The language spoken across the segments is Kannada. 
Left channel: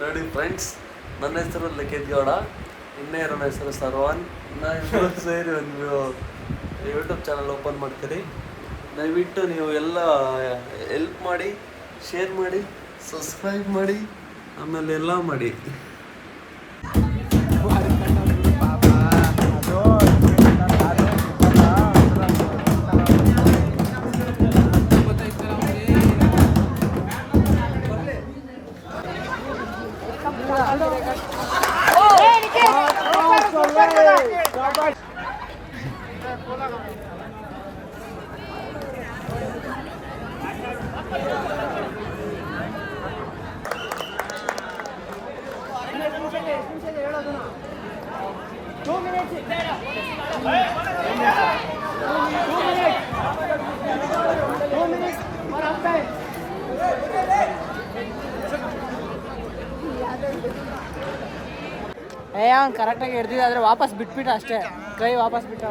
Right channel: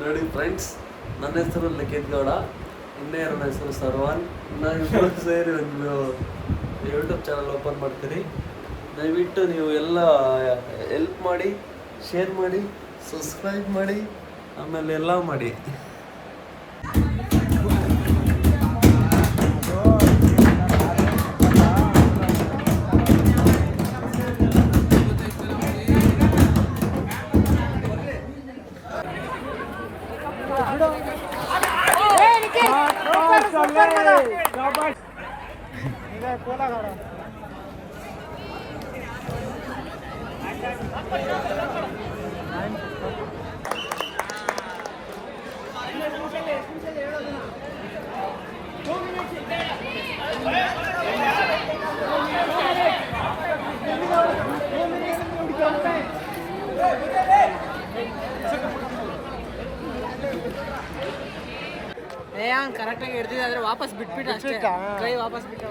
ನೋಡಿ ಫ್ರೆಂಡ್ಸ್, ನನ್ನ ಹೆಸರು ಲಿಖಿತ್ ಗೌಡ, ಇನ್ನೇರನ ಹೆಸರು ಸರ್ವಾನ್. ನಾವಿಬ್ಬರು ಸೇರಿ ಒಂದು ಯೂಟ್ಯೂಬ್ ಚಾನಲ್ ಓಪನ್ ಮಾಡ್ತೀರಿ. ದಯವಿಟ್ಟು ನೀವು ಎಲ್ಲ ಹೆಲ್ಪ್ ಮಾಡಿ, ಶೇರ್ ಮಾಡಿ, ಸಬ್ಸ್ಕ್ರೈಬ್ ಮಾಡಿ, ಆಮೇಲೆ ಎಲ್ಲ ಮಾಡಿ. ಕರೆಕ್ಟಾಗಿ ಹಿಡ್ದಿದೆ, ಆದರೆ ವಾಪಸ್ ಬಿಟ್ಬಿಟ್ಟು ಅಷ್ಟೇ, ಕೈ ವಾಪಸ್ ಬಿಟ್ಟು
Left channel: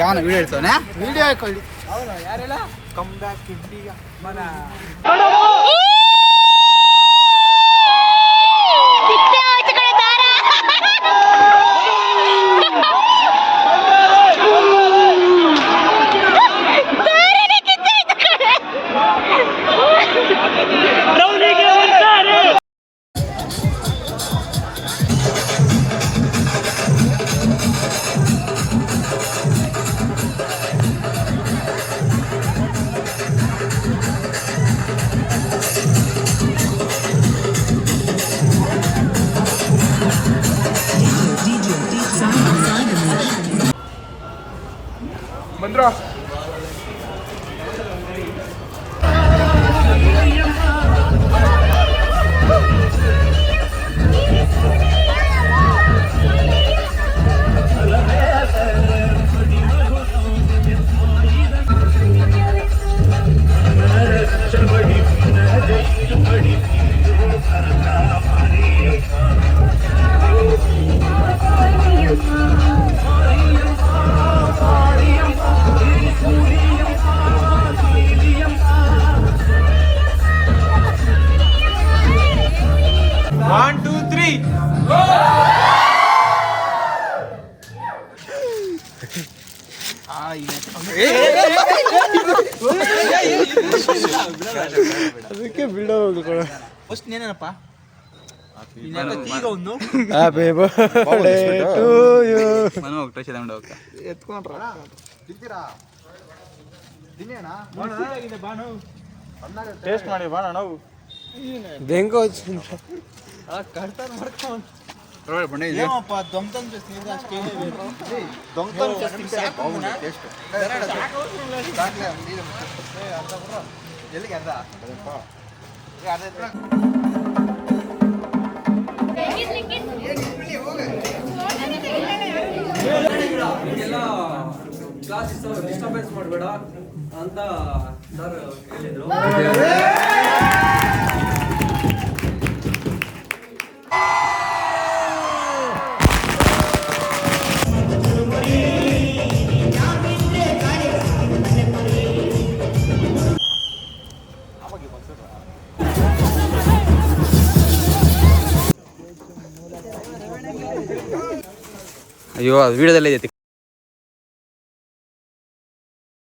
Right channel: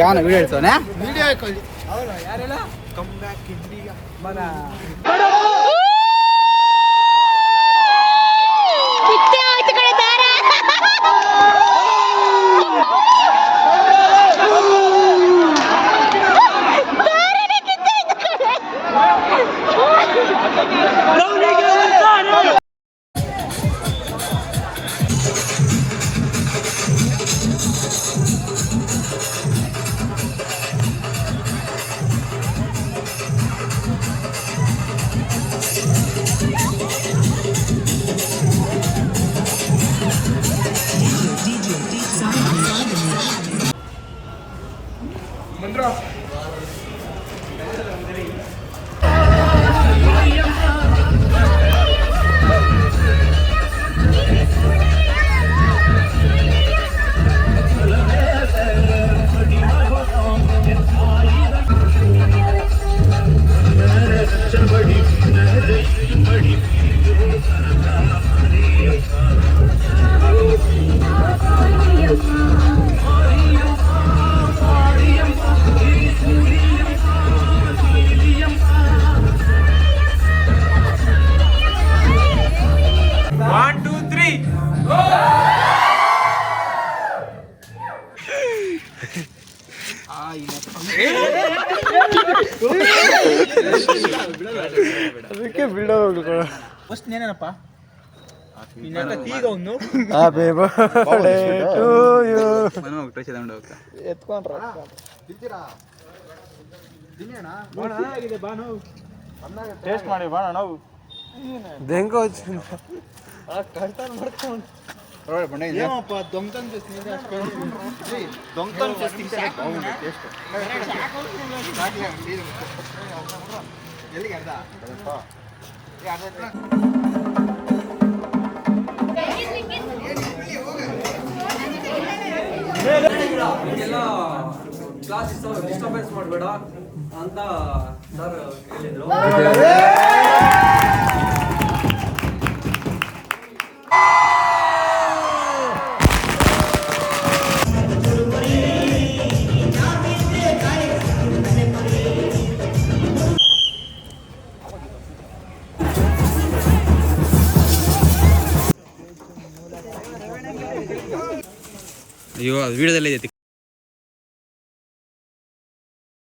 ಯಾವನ ವಿಡಿಯೋ ಹೇಳ್ತಾನೆ, ವಿಡಿಯೋ ಹಾಕೊಳ್ಳಿ. ಯಾರೆಲ್ಲ ಕಮ್ ಬ್ಯಾಕ್ ಇಂಡಿಯಾ ಮಗ ಅದಕ್ಕೆ ಬಿಡೋ ಫಸ್ಟ್ ಏನೇನಪ್ಪ ಟೇಸ್ಟ್ ಮಾಡಿ ಬಾಣ ನಾವು ಕ್ಲಾಸ್ ಡಿಸ್ಟರ್ಬೆನ್ಸ್ ಮಾಡಬೇಡ ಅಂತ ಸರ್ ಹೇಳಿದ್ರು. ಅಯ್ಯೋ ಅದು ವಿಡಿಯೋದಲ್ಲೇ ಐತಿ.